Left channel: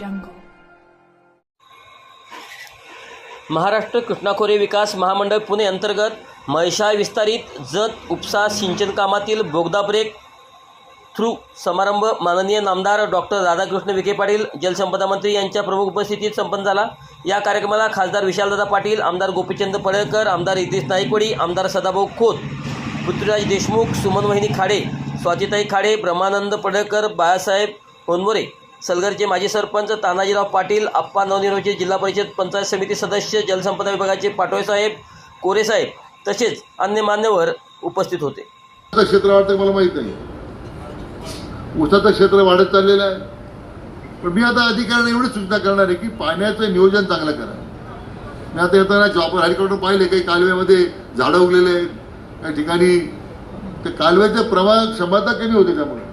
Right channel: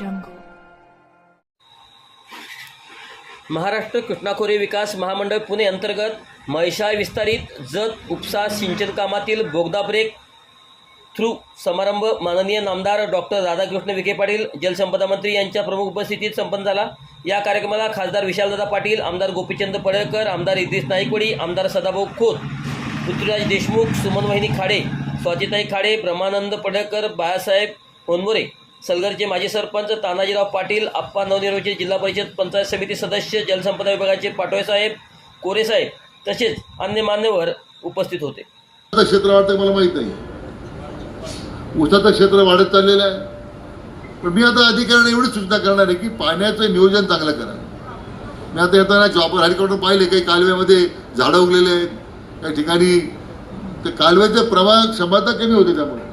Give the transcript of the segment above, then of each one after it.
jungle. Maharashtra कृष्णाखोरे विकास महामंडळ पुणे अंतर्गत म्हैसाळ विस्तारित जत उपसा सिंचन कामातील बोगदा ब्रेक थ्रू समारंभ माननीय नामदार डॉक्टर राधाकृष्ण विखे पाटील जलसंपदा मंत्री यांच्या प्रमुख उपस्थितीत संपन्न झाला। या कार्यक्रमाला खासदार विशालदादा पाटील, आमदार गोपीचंद पडळकर, आमदार इद्रिस नाईकवाडी, आमदार सदाभाऊ खोत, पृथ्वीराज देशमुख, सुमनवहिनी खाडे, स्वातीताई खाडे, ब्रह्मानंद पडळकर, बाळासाहेब होनवरे, सलगरचे माजी सरपंच तानाजीराव पाटील, आप्पा नवनिर्वाचित जिल्हा परिषद पंचायत समिती सदस्य, जलसंपदा विभागाचे पाटोळेसाहेब, कोरेसाहेब तसेच अन्य मान्यवर उपस्थित होते। क्षेत्र वाटतं मला माहित नाही, ऊसाचं क्षेत्र वाढत चाललेलं आहे, पण मी आता अधिकाऱ्यांना एवढी सूचना करणार आहे की पाण्याचं नियोजन चांगलं करा। मी आता येताना जॉबवर हेलिकॉप्टर पाहिले, काही कालव्यामध्ये झाडं उगलेले आहेत, काही ठिकाणी ते कालव्याचं प्रवाह क्षमता कमी होती, त्यामुळे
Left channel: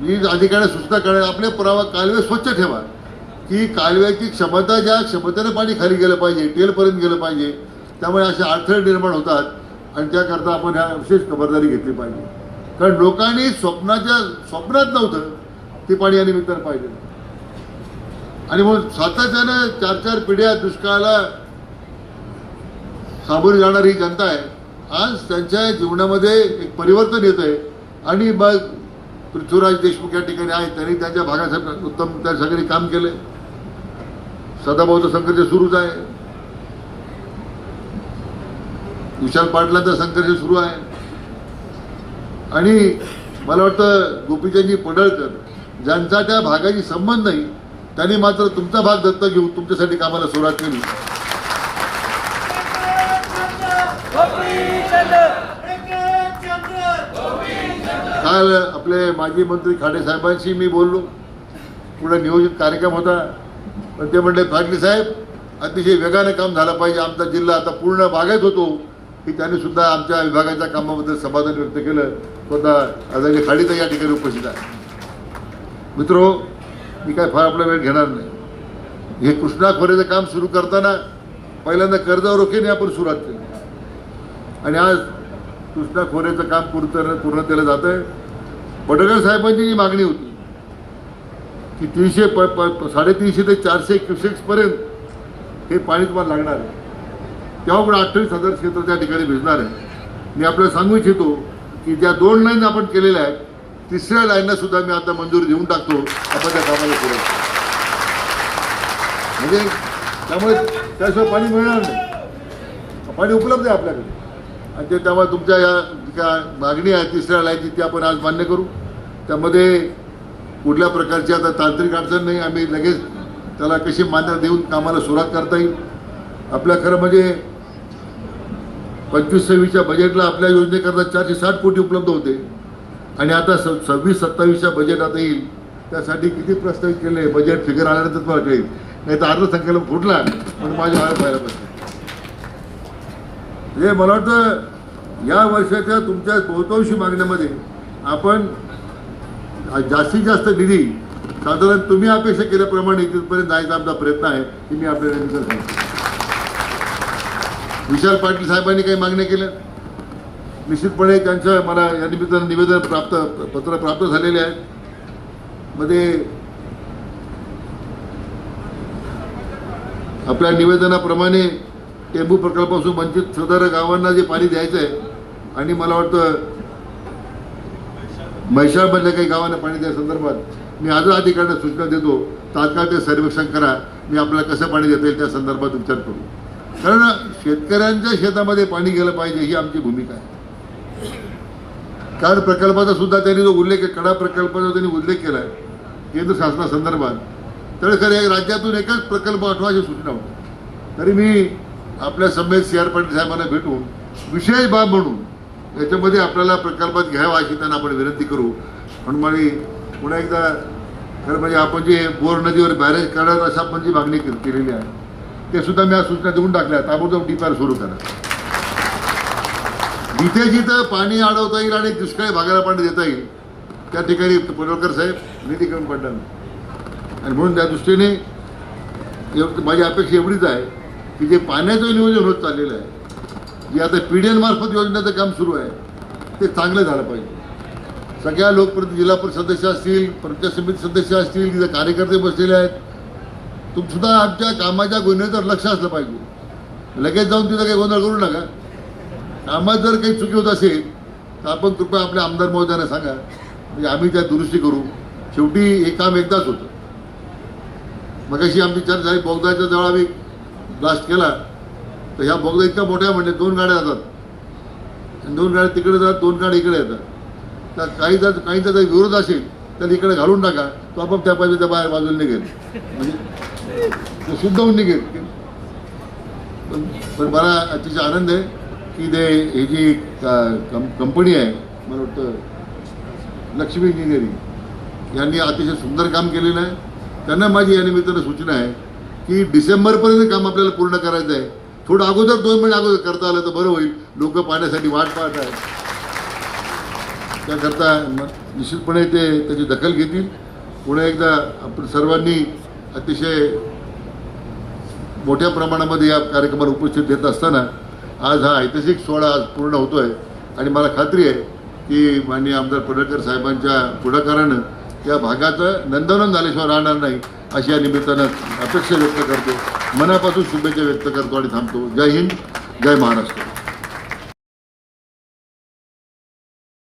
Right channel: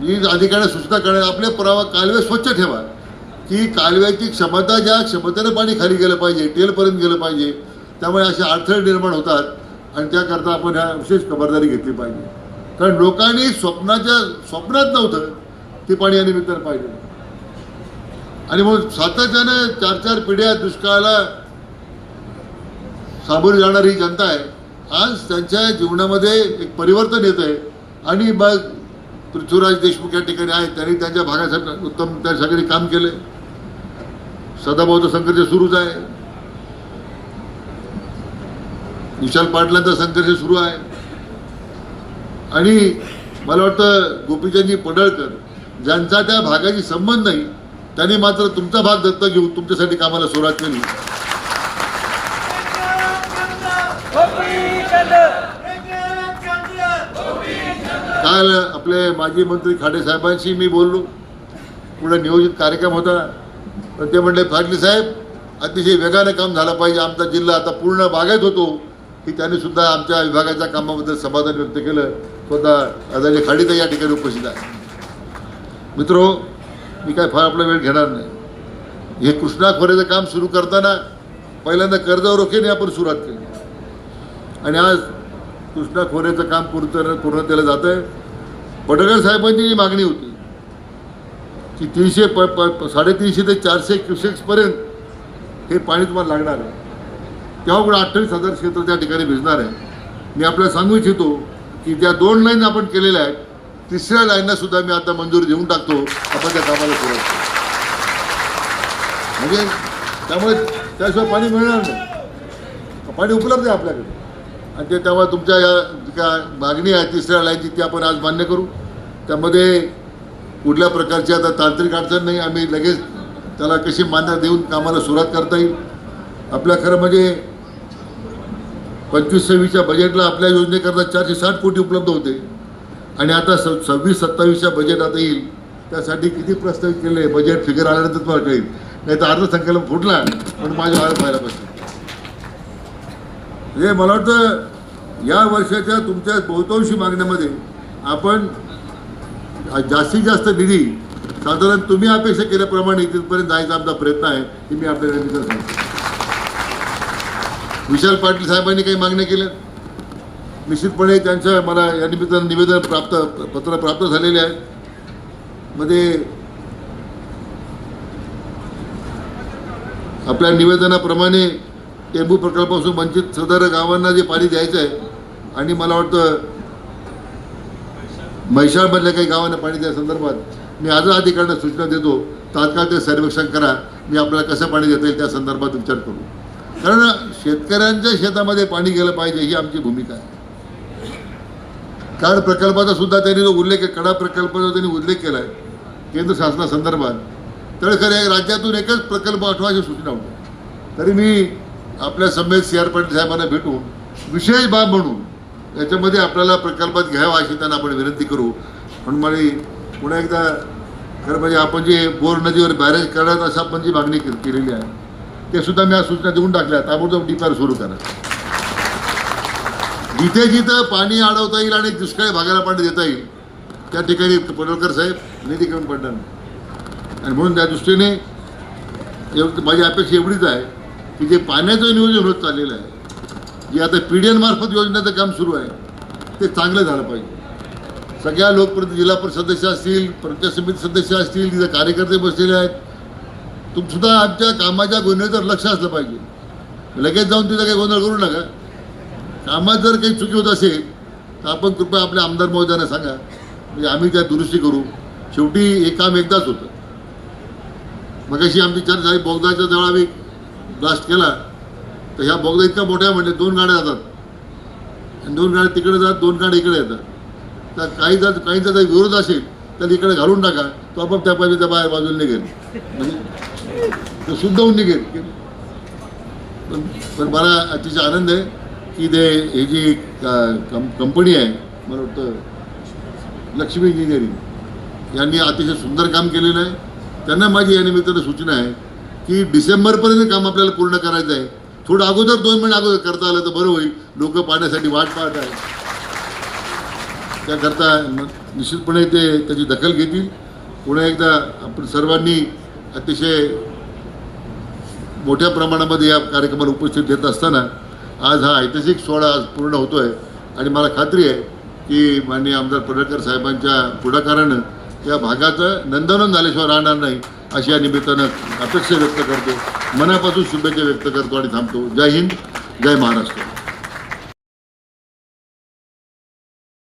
मी अधिकाऱ्यांना सूचना करणार आपले प्रवाह कालवे स्वच्छ ठेवा, की कालव्याची क्षमता ज्या क्षमतेने पाणी खाली गेलं पाहिजे, टेलपर्यंत गेलं पाहिजे, त्यामुळे असे अडथळे निर्माण होतात आणि त्याकरता आपण ह्या विशेष खबरदारी घेतली पाहिजे। कारण लोकांनी स्वप्नात नव्हतं ते पाणी या निमित्तानं पाहिजे, आणि मग सातत्यानं 4-4 पिढ्या दुष्काळाला सामोरी जाणारी जनता आहे, आज त्यांच्या जीवनामध्ये एक परिवर्तन येत आहे। आणि मग पृथ्वीराज देशमुख या ठिकाणी आहेत, त्यांनी त्यांच्या भागासाठी उत्तम त्यासाठी काम केलंय। सदाभाऊचं संघर्ष सुरूच आहे, विशाल पाटलांचा संघर्ष सुरू आहे, आणि मला वाटतं गोपीचंदजी पडळकर ज्यांचा त्या भागाशी संबंध नाही त्यांनी मात्र तुमचा भाग दत्तक घेऊन तुमच्यासाठी कामाला सुरुवात केली। काल आपले माजी मंत्री खाडे साहेबांशी मी बोललो, पुढे नियोजित कार्यक्रम होता, पण ते म्हणले पाटील साहेब अतिशय वेगाने काम झालं पाहिजे, आमचा जिल्हा आता पूर्ण बागायत होतो, की त्यांनी सुद्धा आमच्या विभागाच्या कामाबद्दल समाधान व्यक्त केलं। स्वतः आदरणीय खाडीताई या ठिकाणी उपस्थित आहे। मित्रो, मी काय फार आपला वेळ घेणार नाही। हे कृष्णा खोऱ्याचं काम सुरू करताना पहिल्यांदा कर्जावर रोखेने आपण सुरुवात केली, आणि आज कृष्णा खोऱ्याचं काम पूर्णतेला जात आहे। पडळकर साहेबांची जी मागणी होती की 350 ते 400 क्युसेक्सपर्यंत हे पाणी तुम्हाला लागणार आहे, तेव्हा पण 28,000 क्षेत्र त्या ठिकाणी भिजणार आहे। मी आपल्याला सांगू इच्छितो की ज्या 2 लाईन आपण केलेल्या आहेत, 3ऱ्या लाईनला सुद्धा मी आता मंजुरी देऊन टाकतो, आपण त्या कामाला पुढे, म्हणजे त्यामुळे त्याशिवाय पाणी मिळणार नाही, पाणी उपलब्ध आहे आपल्याकडे, आणि ते तेव्हा तुमच्या या ज्या मागणी आहे 3ऱ्या लाईनची ती आपण आज मान्य करू। त्यामध्ये कुठल्या प्रकारची आता तांत्रिक अडचण नाही, आम्ही लगेच त्याला कशी मान्यता देऊन कामाला सुरुवात करता येईल। आपल्या खरं म्हणजे 25-26च्या बजेटला आपल्या योजनेकरता 460 कोटी उपलब्ध होते, आणि आता 26-27च्या बजेट आता येईल, त्यासाठी किती प्रस्तावित केले बजेट फिगर आल्यानंतर तुम्हाला कळेल, नाही तर अर्थसंकल्प फुटला पण माझ्या हात व्हायला पाहिजे। म्हणजे मला वाटतं या वर्षाच्या तुमच्या बहुतांशी मागण्यामध्ये आपण जास्तीत जास्त निधी साधारण तुम्ही अपेक्षा केल्याप्रमाणे तिथपर्यंत जायचा आमचा प्रयत्न आहे, की मी आपल्याला सांगतो। विशाल पाटील साहेबांनी काही मागण्या केल्या, निश्चितपणे त्यांच्या मला या निमित्तानं निवेदन पत्र प्राप्त झालेले आहे। मध्ये आपल्या निवेदनाप्रमाणे टेंबू प्रकल्पापासून वंचित सदर गावांना जे पाणी द्यायचं आहे, आणि मला वाटतं म्हैसाळमधल्या काही गावांना पाणी द्या संदर्भात मी आजच अधिकाऱ्यांना सूचना देतो, तात्काळ ते सर्वेक्षण करा, मी आपल्याला कसं पाणी देता येईल त्या संदर्भात विचार करू। कारण शेतकऱ्यांच्या शेतामध्ये पाणी गेलं पाहिजे ही आमची भूमिका आहे। कारण प्रकल्पाचा सुद्धा त्यांनी जो उल्लेख, कडा प्रकल्पाचा त्यांनी उल्लेख केला आहे केंद्र शासनासंदर्भात, तर खरं राज्यातून एकच प्रकल्प आठवायची सूचना होती, तरी मी आपल्या समेत CR पाटील साहेबांना भेटून विशेष बाब म्हणून याच्यामध्ये आपल्याला प्रकल्पात घ्यावा अशी त्यांना आपण विनंती करू। म्हणून मला पुन्हा एकदा खरं म्हणजे आपण जे बोर नदीवर बॅरेज करत असं आपण जी मागणी केलेली आहे ते सुद्धा मी आज सूचना देऊन टाकल्या, ताबडतोब DPR सुरू करा। जिथे जिथं पाणी अडवता येईल आणि दुष्काळी भागाला पाणी देता येईल त्या ठिकाणी पडळकर साहेब निधी कमी पडणार नाही, आणि म्हणून त्या दृष्टीने माझी अपेक्षा एवढीच आहे की जे पाण्याचं नियोजन होत चाललेलं आहे, जे आता PDN मार्फत योजनेचं काम सुरू आहे ते चांगलं झालं पाहिजे। सगळ्या लोकप्रतिनिधी, जिल्हा परिषद सदस्य असतील, पंचायत समिती सदस्य असतील, तिथे कार्यकर्ते बसलेले आहेत, सुद्धा आमच्या कामाच्या गुन्ह्यावर लक्ष असलं पाहिजे. लगेच जाऊन तिथे काही गोंधळ करू नका. कामात जर काही चुकी होत असेल तर आपण कृपया आपल्या आमदार महोदयांना सांगा, म्हणजे आम्ही त्या दुरुस्ती करू. शेवटी हे काम एकदाच होतं. मगाशी आमची चर्चा झाली, बोगदाच्या जवळ आम्ही ब्लास्ट केला तर ह्या बोगदा इतका मोठ्या म्हणजे 2 गाड्या जातात आणि 2 गाड्या तिकडे जातात, 2 गाड्या इकडे येतात. तर काहींचा जर विरोध असेल तर इकडे घालून टाका, तो आपण त्या पाहिजे त्या बाजूला निघेल, म्हणजे तो शुद्ध होऊन निघेल. तर मला अतिशय आनंद आहे की ही जी कंपनी आहे, मला वाटतं लक्ष्मी इंजिनिअरिंग, यांनी अतिशय सुंदर काम केलेलं आहे. त्यांना माझी या निमित्तानं सूचना आहे की डिसेंबरपर्यंत काम आपल्याला पूर्ण करायचं आहे. थोडं अगोदर 2 महिने अगोदर करता आलं तर बरं होईल. लोक पाण्यासाठी वाट पाहत आहेत, त्याकरता निश्चितपणे ते त्याची दखल घेतील. पुन्हा एकदा आपण सर्वांनी अतिशय मोठ्या प्रमाणामध्ये या कार्यक्रमाला उपस्थित घेत असताना आज हा ऐतिहासिक सोहळा आज पूर्ण होतोय आणि मला खात्री आहे की माननीय आमदार पडळकर साहेबांच्या पुढाकारानं या भागाचं नंदनवन झाल्याशिवाय राहणार नाही, अशी या निमित्तानं अपेक्षा व्यक्त करतो. मनापासून शुभेच्छा व्यक्त करतो आणि थांबतो. जय हिंद, जय महाराष्ट्र.